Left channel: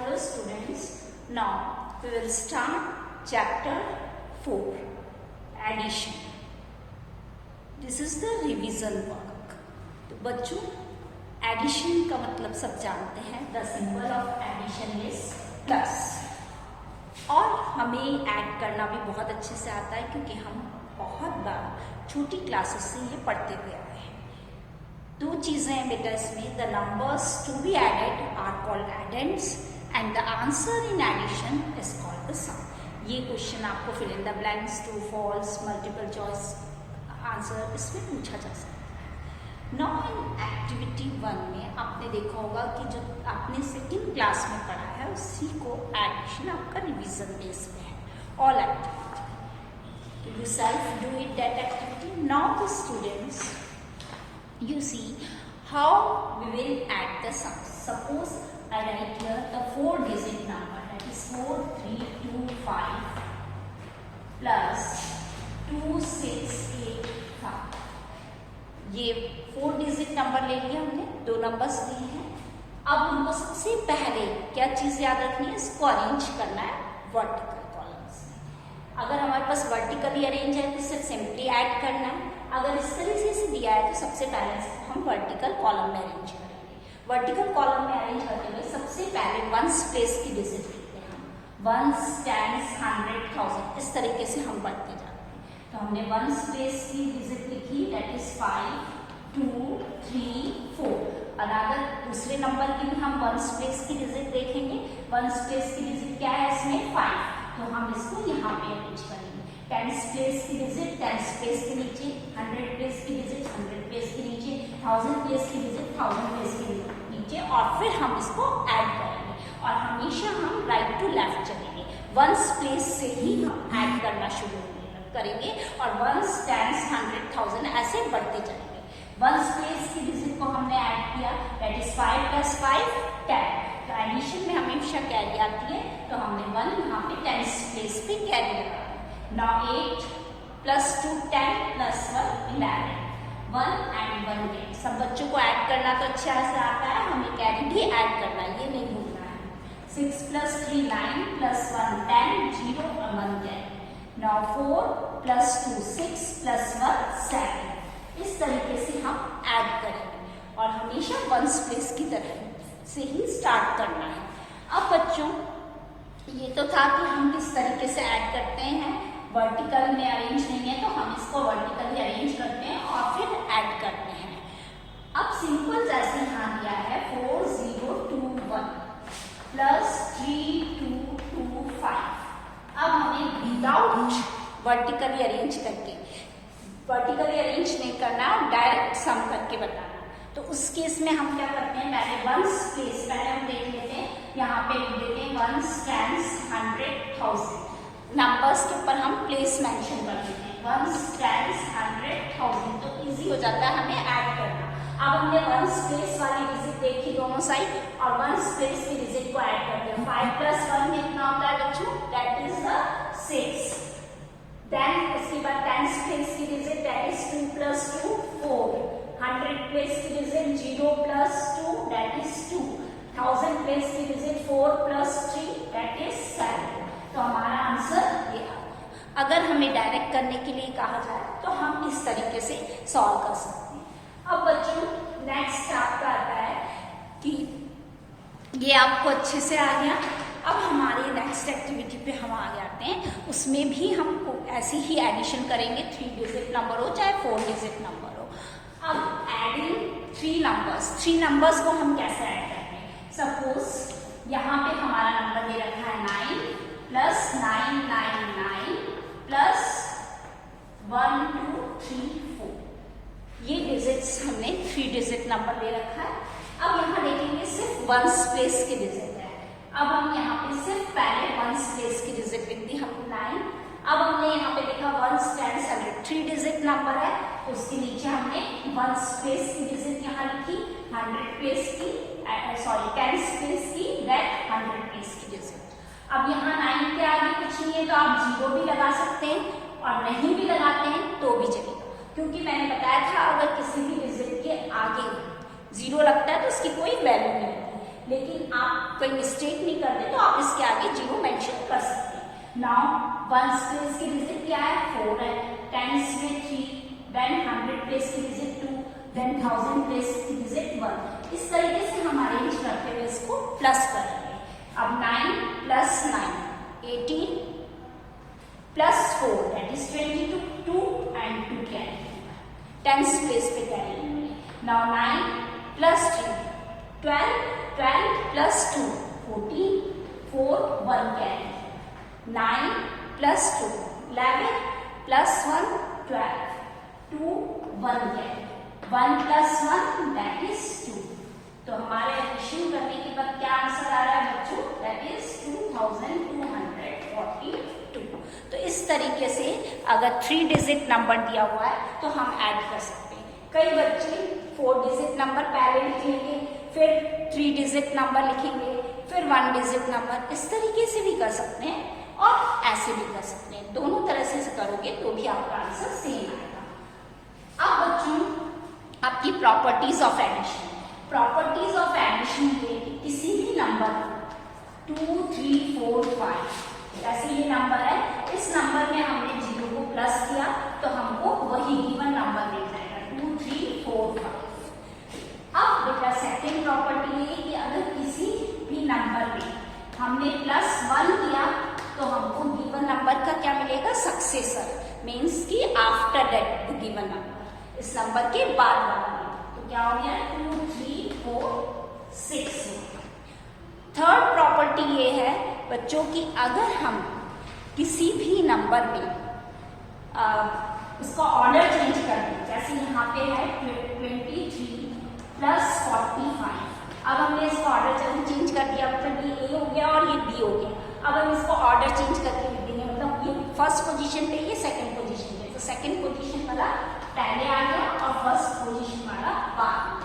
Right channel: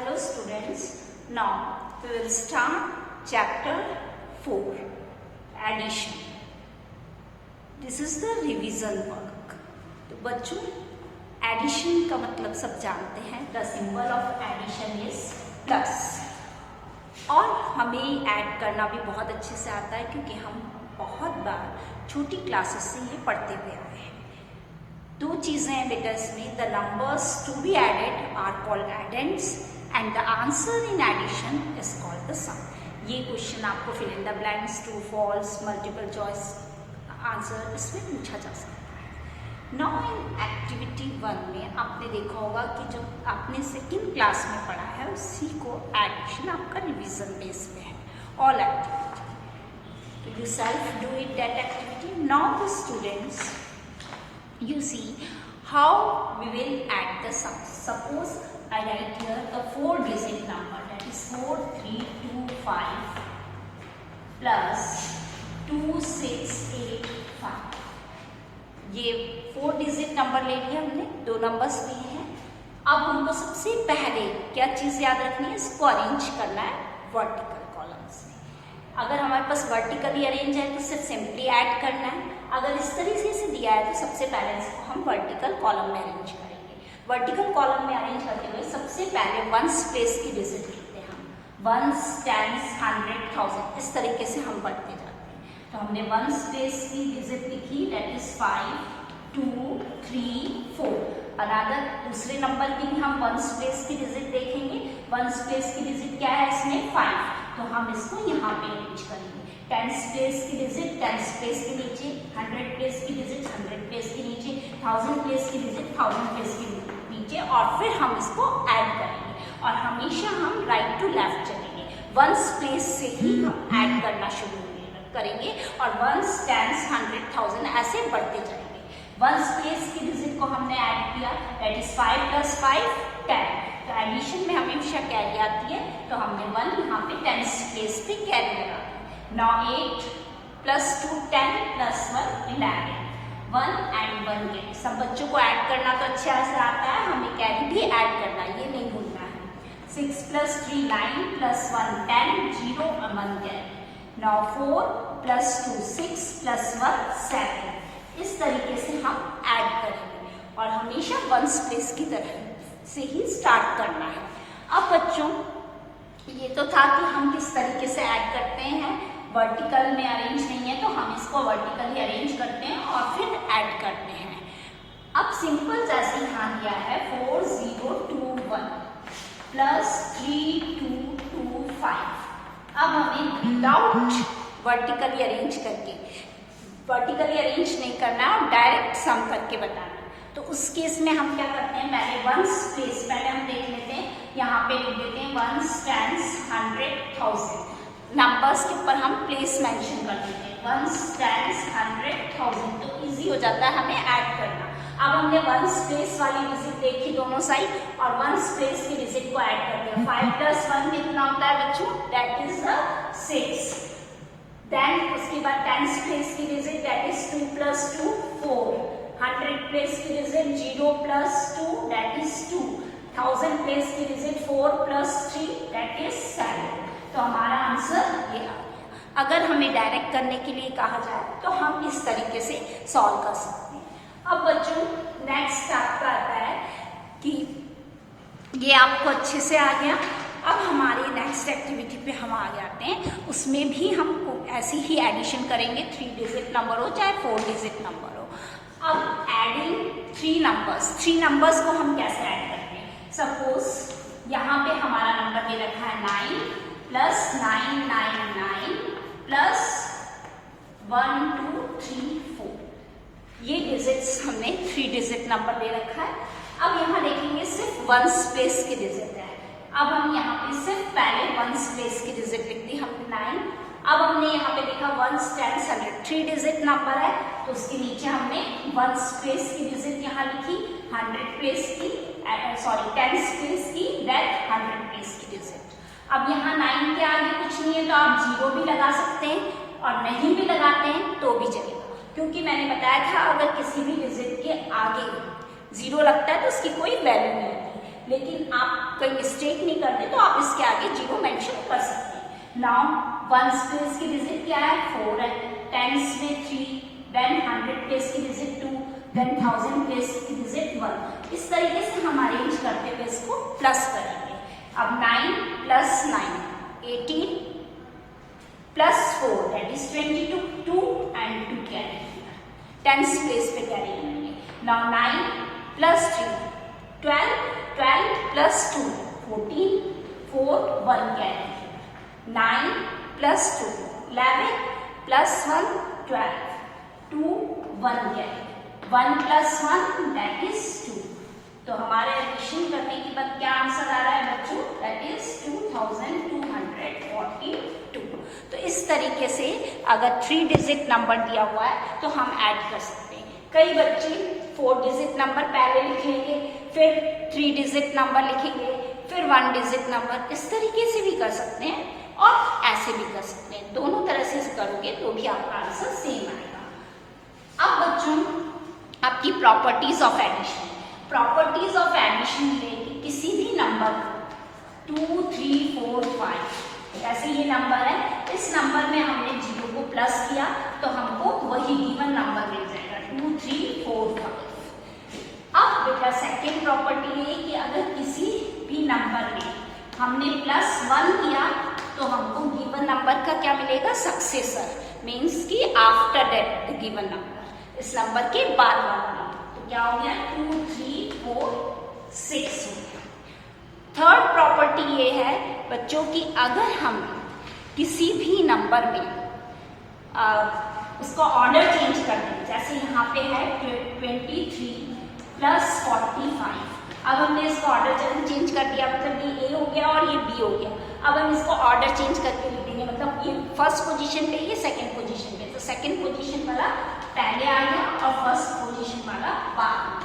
Hello students, now we will start chapter 4, addition. This is the revision work. तो बच्चों addition का मतलब सब जानते हैं. The symbol of addition is plus. और हमें ऐड करना भी बहुत अच्छे से आता है क्योंकि हम बहुत बार छोटी क्लासेस से ये पढ़ते हुए आए हैं. दो चीजें हैं लेटर्स में. The numbers to be added are called addends and the answer in addition is called the sum. ये क्वेश्चन आपको fill in the blanks, true false, multiple choice answer इसमें पूछा जा सकता है. नाउ इन एक्टिविटी 1 में आपने देखा होगा कि जो आपने सेकेंड क्लास में पढ़ा है उसी को एडिशन आपका रिवीजन बेस पे है. ऑल एक्टिविटी तो you self do it that activity. Now the students you see how we will add the sums. Suppose I write here the 4-digit number, that is 4325 plus 2685. ये 4-digit number ले लिया हमने, दो numbers लिए हैं. अब हमको सबसे पहले क्या चीज याद रखनी है, इसको अरेंज करना है वर्टिकल कॉलम्स में. अगर हमारे पास वर्टिकली अरेंज है तो सिर्फ सिंपली ऐड करना है. अगर इस तरीके से दिया है तो सबसे पहले इसको हम वर्टिकल कॉलम में अरेंज करेंगे. वर्टिकल कॉलम में अरेंज करते हुए सबसे पहले वंस प्लेस की डिजिट लिखते हैं हम. वंस, टेंस, 100, 1000 इस तरीके से हम बढ़ते जाते हैं. तो हमने वंस प्लेस की डिजिट लिखी, दैट इज 5, 2, 3, 4. अनदर दूसरे नंबर की भी हम वंस प्लेस की डिजिट देखेंगे. वंस प्लेस की डिजिट क्या है इसमें, 5. तो हम इसको यहाँ पे अरेंज करेंगे. टेंस प्लेस की डिजिट टेंस प्लेस के नीचे, 100 प्लेस की डिजिट 100 प्लेस के नीचे, 1000 प्लेस की डिजिट 1000 प्लेस के नीचे, और फिर हम इसको ऐड करेंगे. और हमेशा हम राइट टू लेफ्ट चलेंगे. वंस प्लेस से ही हम ऐड करना शुरू करेंगे और वंस, टेंस, 100, 1000 ऐसे बढ़ते जाएंगे. वंस प्लेस की डिजिट को हमने ऐड किया, दैट इज 5 + 5 10. तो एडिशन में हमेशा कैरी आती है, तो हमने 1 यहाँ पे टेंस प्लेस पे कैरी लगा. Now 8 + 2 10 + 1 11. 1 and 1 carry. सब बच्चों को ऐड करना तो अच्छा से आता है, हमें कैरी भी ऐड करना है, ये नहीं भूलना है. 6 + 3 9 + 1 10 0 1 कैरी. Now 4 + 2 6 + 1 7. इस तरीके से हम ऐड करेंगे और हमेशा वंस प्लेस की तरह से ही स्टार्ट करना है. अब बच्चों ये तो था कि हम किस तरीके से ऐड करते हैं. वर्टिकल में अरेंज नहीं है तो हम इसको वर्टिकली अरेंज करते हैं और फिर ऐड करते हैं. अब सिंपल जैसे यहाँ दिया है 4021 + 3225. अब हमें विदाउट वर्टिकली अरेंज करके, वर्टिकली अरेंज नहीं करना और डायरेक्ट सम करके बताना. तो उस केस में हम क्या करते हैं, पहले वंस प्लेस पहले हम देख लेते हैं. यहाँ पे लिख देते हैं वंस, टेंस, 100, 1000. नंबर्स के ऊपर हम प्लेस मेंशन कर देते हैं. Ones, tens, 100, 1000. तो इजी हो जाता है हमें ऐड करना. अब हमने वंस प्लेस वाली डिजिट देखी दोनों साइड और वंस प्लेस की डिजिट को ऐड करते हैं. 5 + 1 कितना होता है बच्चों, दैट इज द 6. देन उसके बाद टेंस प्लेस की डिजिट दैट इज 2 + 2 4. 100 प्लेस की डिजिट 0 + 2 दैट इज 2. 1000 प्लेस की डिजिट 4 + 3 दैट इज 7. तो हमारा आंसर ये आ गया. अगर हमें डायरेक्ट करने के लिए कहा जाए तो हम इस तरीके से सॉल्व कर सकते हैं. अब बच्चों नेक्स्ट आपका आता है कि ये आपको अच्छे से आ गया. अब हमारे नेक्स्ट एक्टिविटी पे हम आगे आते हैं. उसमें भी हम ऐसी ही एडिशन करेंगे, 3-digit नंबर हो चाहे 4-digit नंबर हो. अब एडिंग 3 नंबर्स को हम कैसे ऐड करते हैं. सपोज यहाँ पे हमारा नंबर दे रखा है 9 + 999 + 1 2 3 4. ये डिजिट्स हमने 3-digit नंबर दे रखा है. अब यहाँ देखेंगे सिर्फ वंस प्लेस की डिजिट है. अब हम यहाँ पे सिर्फ पहले वंस प्लेस की डिजिट लिख दी हमने 9. अब हमने यहाँ पे देखा वंस, टेंस, 100 3-digit नंबर है तो उसके नीचे हमने वंस प्लेस की डिजिट यहाँ लिखी, 100 प्लेस की टेंस प्लेस की, दैट 100 प्लेस की डिजिट. अब यहाँ 9 के आगे कुछ नहीं है तो आप 0 भी लगा सकते हैं और नहीं भी लगाते हैं तो भी चलेगा, क्योंकि मैंने बताया था अगर किसी भी डिजिट के आगे 0 लगता है तो उसकी कोई वैल्यू नहीं होती. लेकिन आप कोई मिस्टेक नहीं करते तो आप इसके आगे 0 मेंशन कर सकते हैं। नाउ वंस प्लेस की डिजिट क्या है 4 है, टेंस में 3, देन 100 प्लेस की डिजिट 2, देन 1000 प्लेस की डिजिट 1। इस तरीके से हम अरेंज करते हुए इसको प्लस करेंगे। अब 9 plus 9 18 plus 4 that is 22, 2 and 2 carry, tens place पे कैरी करेंगे। Now 9 plus 3 12, 12 plus 2 14, 4 1 carry, 9 plus 2 11 plus 1 12, 2 1 carry, 1 plus 1 that is 2। तो हमारे एडिशन करने के बाद क्या आंसर आ रहा है बच्चों, दैट इज 2242। तो इस तरीके से अगर 3 डिजिट नंबर दिया हुआ है तो हम ऐड कर सकते हैं। कई बच्चे 4 डिजिट नंबर पहले लिख लेंगे, फिर 3 डिजिट नंबर लिखेंगे, फिर 1 डिजिट नंबर, इस तरीके से भी कर सकते हैं और ऐसे भी कर सकते हैं। दोनों तरह से करोगे तो भी आपका आंसर सेम आएगा। अब बच्चों आपकी properties of addition, properties of addition ये कि किसी भी नंबर 2 3 4 5 जैसे ये नंबर है, इस नंबर में हमने 0 को प्लस किया तो हमको वही गिवन नंबर मिल जाएगा 2 3 4 5। अब बेटा सेकेंड प्रॉपर्टी है कि अगर किसी भी नंबर में हमने +1 किया तो हमको गिवन नंबर का क्या मिलेगा, सक्सेसर, मीन्स कि आफ्टर दैट गिवन नंबर, इस नंबर के बाद वाला नंबर। तो क्या हो गया 2 3 4 6 हो गया। थर्ड प्रॉपर्टी ये है बच्चों की अगर हम किसी भी नंबर में उसका ऑर्डर चेंज कर दें, जैसे यहाँ पे है 23 प्लस 45, अब हमने इसका ऑर्डर चेंज कर दिया, मतलब ये ए हो गया और ये बी हो गया। अब हम इसको ऑर्डर चेंज करके लिख देंगे, मतलब ये फर्स्ट पोजीशन पे, ये सेकंड पोजीशन पे, तो सेकंड पोजीशन वाला पहले आएगा और फर्स्ट पोजीशन वाला बाद में।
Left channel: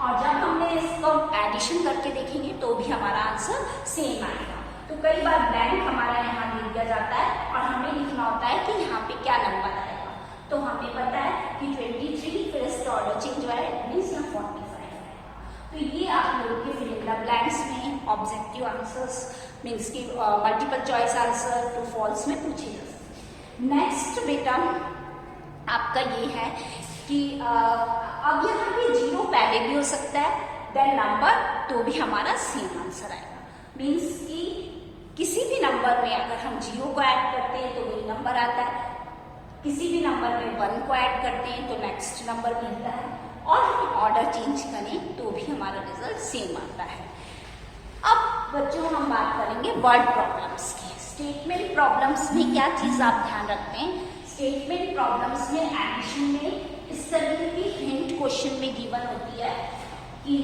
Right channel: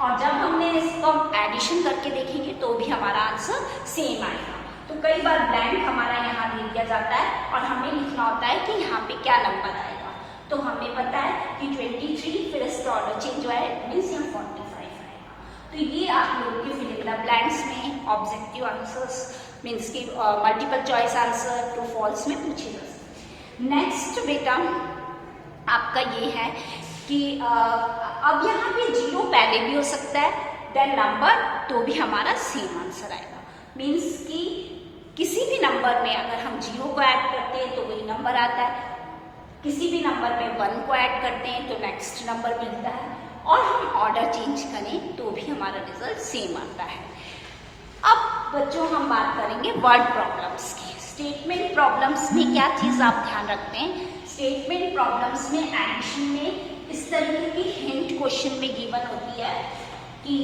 और जब हमने इसको एडिशन करके देखेंगे तो भी हमारा आंसर सेम आएगा। तो कई बार ब्लैंक हमारा यहाँ दे दिया जाता है और हमें लिखना होता है कि यहाँ पे क्या नंबर आएगा। तो हमें पता है कि 23, फिर इसका ऑर्डर चेंज हुआ है, मीन्स यहाँ 45 आएगा। तो ये आप लोगों के फिल इन द ब्लैंक्स में ऑब्जेक्टिव आंसर्स, मीन्स की multiple choice answer true false में पूछे जा सकते हैं। नेक्स्ट बेटा आपका ये है कि अब यहाँ पे 0 पहले भी हो सकता है देन नंबर, तो भी हमारा सेम आंसर आएगा। मीन्स कि किसी भी नंबर में अगर हम 0 को ऐड करते हैं तो वही नंबर आता है, किसी भी नंबर में 1 को ऐड करते हैं तो नेक्स्ट नंबर मिलता है, और हम ऑर्डर चेंज करें तो भी हमारा रिजल्ट सेम आता है। अब बच्चों हम बात करेंगे वर्ड प्रॉब्लम्स की। स्टेटमेंट प्रॉब्लम्स में क्या चीज आप ध्यान रखते हैं, स्टेटमेंट प्रॉब्लम्स में एडिशन में इस तरीके की हिंट क्वेश्चन में गिवन होती है कि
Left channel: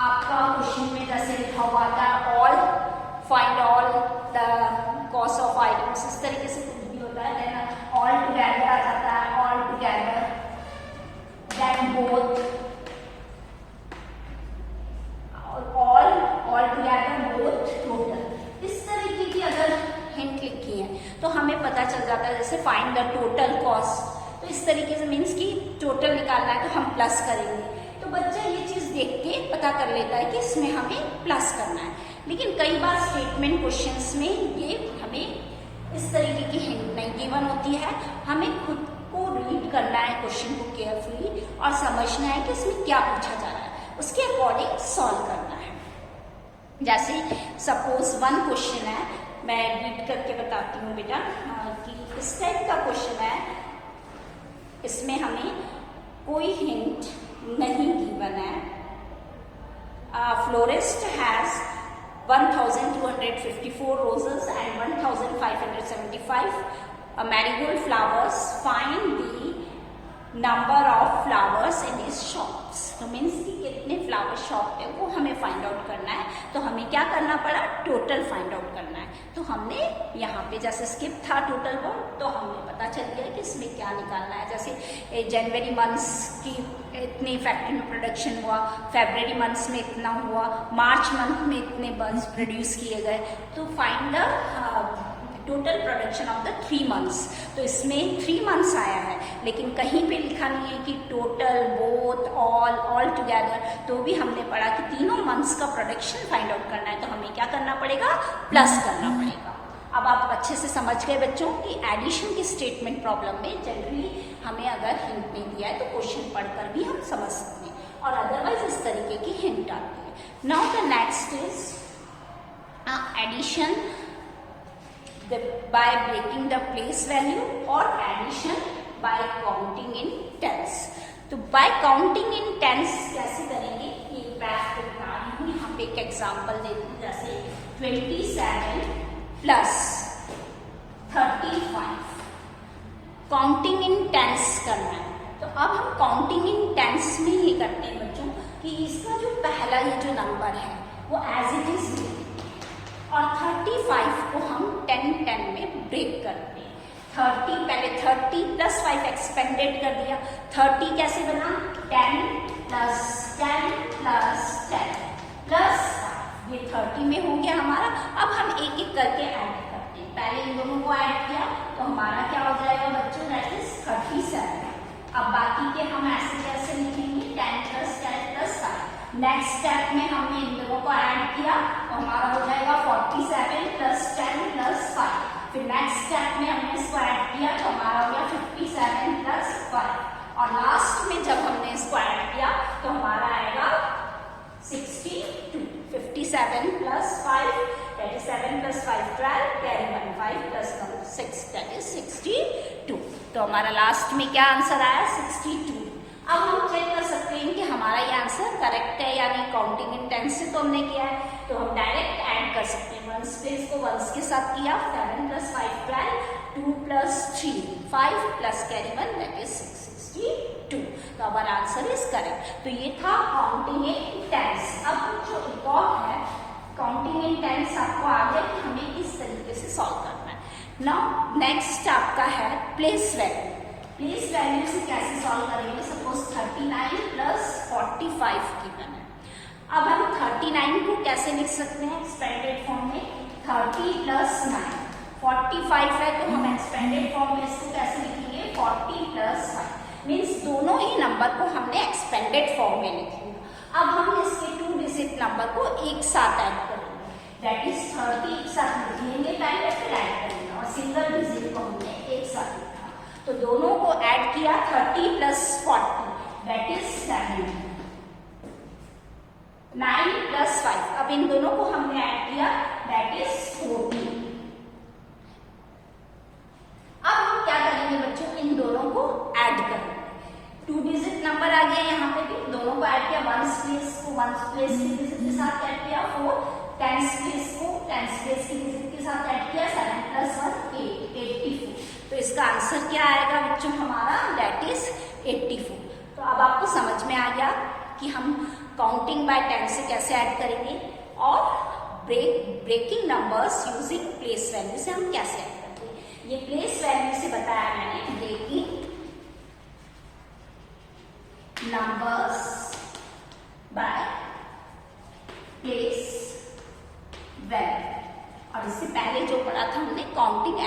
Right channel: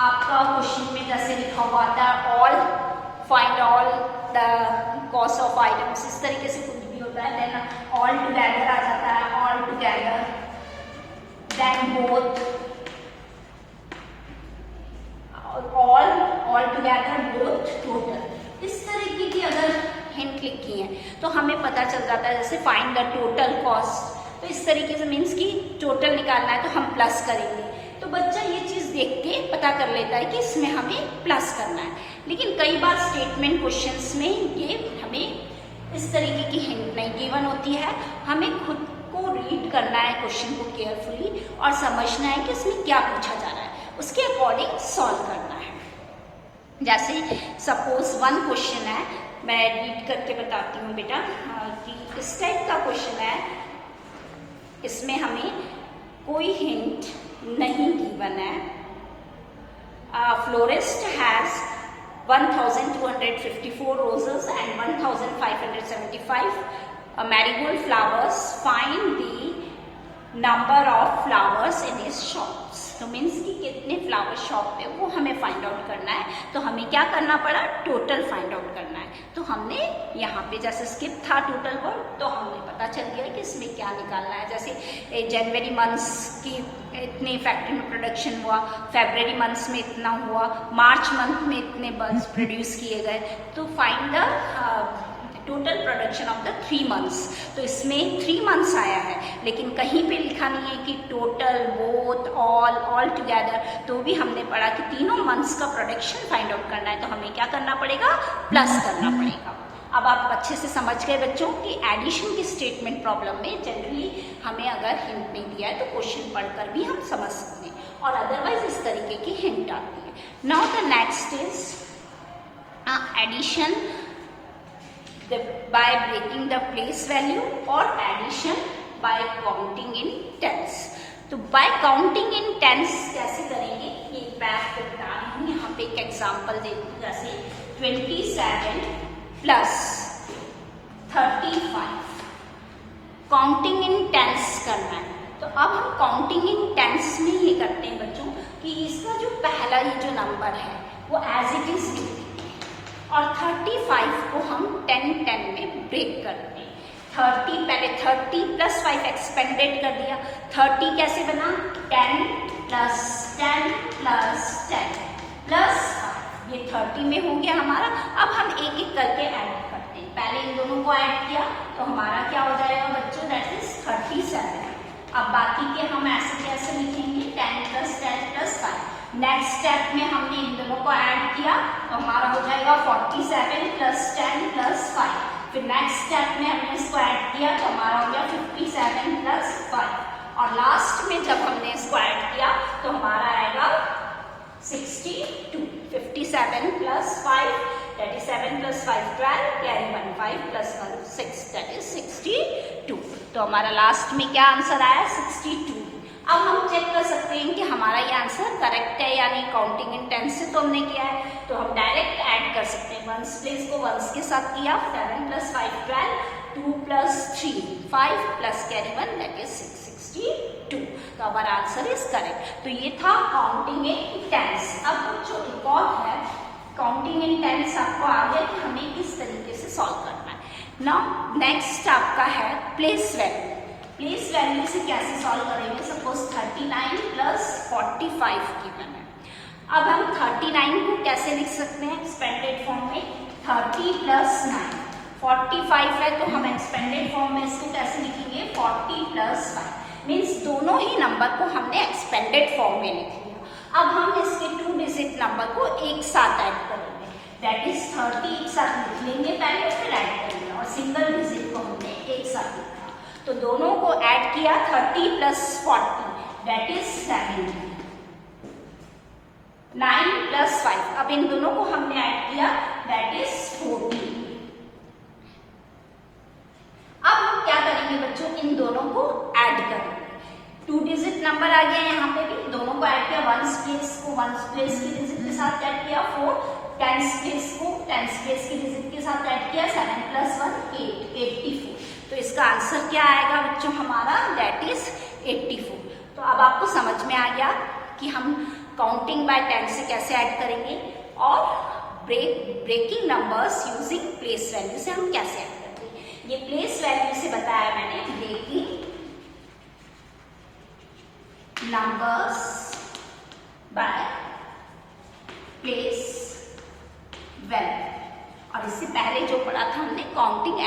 आपका क्वेश्चन में जैसे लिखा हुआ था all, find all the cost of items, इस तरीके से कुछ भी होता है, देन ऑल टुगेदर आ जाता है, all together, then both, all together, both, total, इस तरीके की अगर हिंट लिखी है तो हमें पता चल जाता है। जैसे फाइंड द टोटल कॉस्ट, तो इस तरीके से मीन्स कि टोटल निकालना है तो हम प्लस करेंगे, तो बच्चा ये चीज देख के पता कर लेता है कि इसमें हमें प्लस करना है। लेकिन कई बार स्टेटमेंट क्वेश्चंस में ये हमें इस तरीके की हिंट नहीं गिवन होती है, हमें खुद को रीड करना है क्वेश्चन को केयरफुली और समझना है कि इसमें क्या पूछा जा रहा है, उसके अकॉर्डिंग सॉल्व करना है। जैसे सपोज 1 क्वेश्चन है, मैं रीड करके बताती हूँ बेटा कि इस टाइप का क्वेश्चन है, इसमें हमें कोई हिंट नहीं गिवन है। Florist has 1254 roses and 1575 marigold flowers. Find the number of flowers in his shops. तो मीन्स कि कितने फ्लावर शॉप पे वो हमें फाइंड आउट करना है, तो हमें क्या करना पड़ा, टोटल फाइंड आउट करना है। तो हमने यहाँ पे जैसे स्किप था टोटल वर्ड, तो हमें पता चल गया कि इसमें क्या निकालना है। जैसे जनवरी मंथ्स की इतनी फैक्ट्री में प्रोडक्शन हुआ, फेब्रवरी मंथ्स में इतना हुआ, मार्च मंथ में इतने बल्ब प्रोड्यूस किए गए, तो find the total production of the 3 months. तो इसमें 3 मंथ्स आया है, लेकिन कहीं पे लिखा नहीं है कि टोटल, बोथ, ऑल टुगेदर। तो भी हमने पढ़ा कि तीनों मंथ्स का प्रोडक्शन फाइंड आउट करना है, तो हमें क्या करना पड़ेगा, प्लस करना पड़ेगा। अब आप अच्छे से समझ गए बच्चों कि एडिशन की स्टेटमेंट प्रॉब्लम में जनरली हमें अगर हिंट नहीं दिया है तो क्वेश्चन पढ़कर भी हम समझ सकते हैं, और अदरवाइज इस तरीके की हिंट आती है। Now the next is addition by breaking the place value और addition by counting in tens. तो बाय काउंटिंग इन टेंस कैसे करेंगे, ये बैक पे बता रही हूँ। यहाँ पे एक एग्जाम्पल देती हूँ, जैसे 27 प्लस 35 काउंटिंग इन टेंस करना है। तो अब हम काउंटिंग इन टेंस में ही करते हैं बच्चों कि इसका जो पहला ये जो नंबर है वो एज इट इज लिखते हैं, और 35 को हम 10 में ब्रेक करते हैं। 30 पहले 30 प्लस 5 एक्सपेंडेड कर दिया। 30 कैसे बना, 10 प्लस 10 प्लस 10 प्लस 5, ये 30 में हो गया हमारा। अब हम एक एक करके ऐड करते हैं। पहले इन दोनों को ऐड किया तो हमारा क्या हो जाएगा बच्चों, दैट इज 37। अब बाकी के हम ऐसे जैसे लिखेंगे 10 प्लस 10 प्लस 5। नेक्स्ट स्टेप में हमने इन दोनों को ऐड किया तो हमारा हो जाएगा 47 प्लस 10 प्लस 5। फिर नेक्स्ट स्टेप में हमने इसको ऐड किया तो हमारा हो गया 57 प्लस 5, और लास्ट में जब हमने इसको ऐड किया तो हमारा आएगा 62। 57 plus 5 that is 7 plus 5 12, carry 1 5 plus 1 6, that is 62। तो हमारा लास्ट में क्या आंसर आया, 62। अब हम चेक कर सकते हैं कि हमारा ये आंसर करेक्ट है या नहीं। काउंटिंग इन टेंस से तो हमने किया है, तो हम डायरेक्ट ऐड कर सकते हैं। वंस प्लेस को वंस के साथ किया, 7 plus 5 12, 2 plus 3 5 plus carry 1, that is 62। तो हमारा आंसर इज करेक्ट। तो ये था काउंटिंग इन टेंस। अब जो एक और है काउंटिंग इन टेंस, आपको आ गया कि हमें किस तरीके से सॉल्व करना है। नाउ नेक्स्ट आपका है प्लेस वैल्यू। प्लेस वैल्यू से कैसे सॉल्व करेंगे, सपोज 39 प्लस 45 गिवन है। अब हम 39 को कैसे लिख सकते हैं एक्सपेंडेड फॉर्म में, 30 प्लस 9। 45 है तो हम एक्सपेंडेड फॉर्म में इसको कैसे लिखेंगे, 40 प्लस 5। मीन्स दोनों ही नंबर को हमने एक्सपेंडेड फॉर्म में लिख लिया। अब हम इसके 2 डिजिट नंबर को एक साथ ऐड करेंगे, दैट इज 30 एक साथ लिख लेंगे पहले, फिर ऐड करेंगे, और सिंगल डिजिट को हमने एक साथ लिखा। तो दोनों को ऐड किया, 30 प्लस 40 दैट इज 70। 9 प्लस 5, अब इन दोनों को हमने ऐड किया, दैट इज 40। अब हम क्या करेंगे बच्चों, इन दोनों को ऐड करेंगे। 2 डिजिट नंबर आ गया यहाँ पे भी, दोनों को ऐड किया। वंस प्लेस को वंस प्लेस की डिजिट के साथ ऐड किया, 4। टेंस प्लेस को टेंस प्लेस की डिजिट के साथ ऐड किया, 7 प्लस 1 8, 84। तो इसका आंसर क्या आएगा बच्चों हमारा, दैट इज 84। तो अब आपको समझ में आ गया कि हम काउंटिंग बाय टेंस से कैसे ऐड करेंगे, और breaking numbers using place value से हम कैसे ऐड करते हैं। ये प्लेस वैल्यू से बताया मैंने, breaking numbers by place value, और इससे पहले जो पढ़ा था हमने काउंटिंग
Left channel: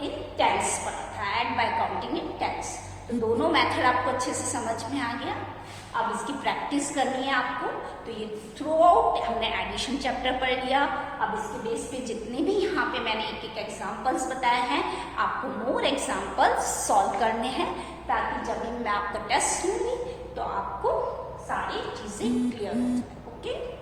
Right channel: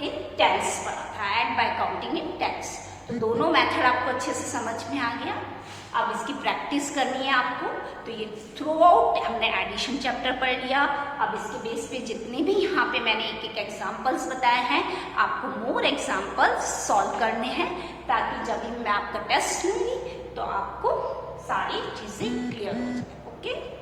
इन टेंस पढ़ा था, add by counting in tens. तो दोनों मेथड आपको अच्छे से समझ में आ गया। अब इसकी प्रैक्टिस करनी है आपको। तो ये थ्रू आउट हमने एडिशन चैप्टर पढ़ लिया। अब इसके बेस पे जितने भी यहाँ पे मैंने एक एक एग्जाम्पल्स बताए हैं, आपको मोर एग्जाम्पल्स सॉल्व करने हैं, ताकि जब भी मैं आपका टेस्ट लूंगी तो आपको सारी चीजें क्लियर हो जाए। ओके।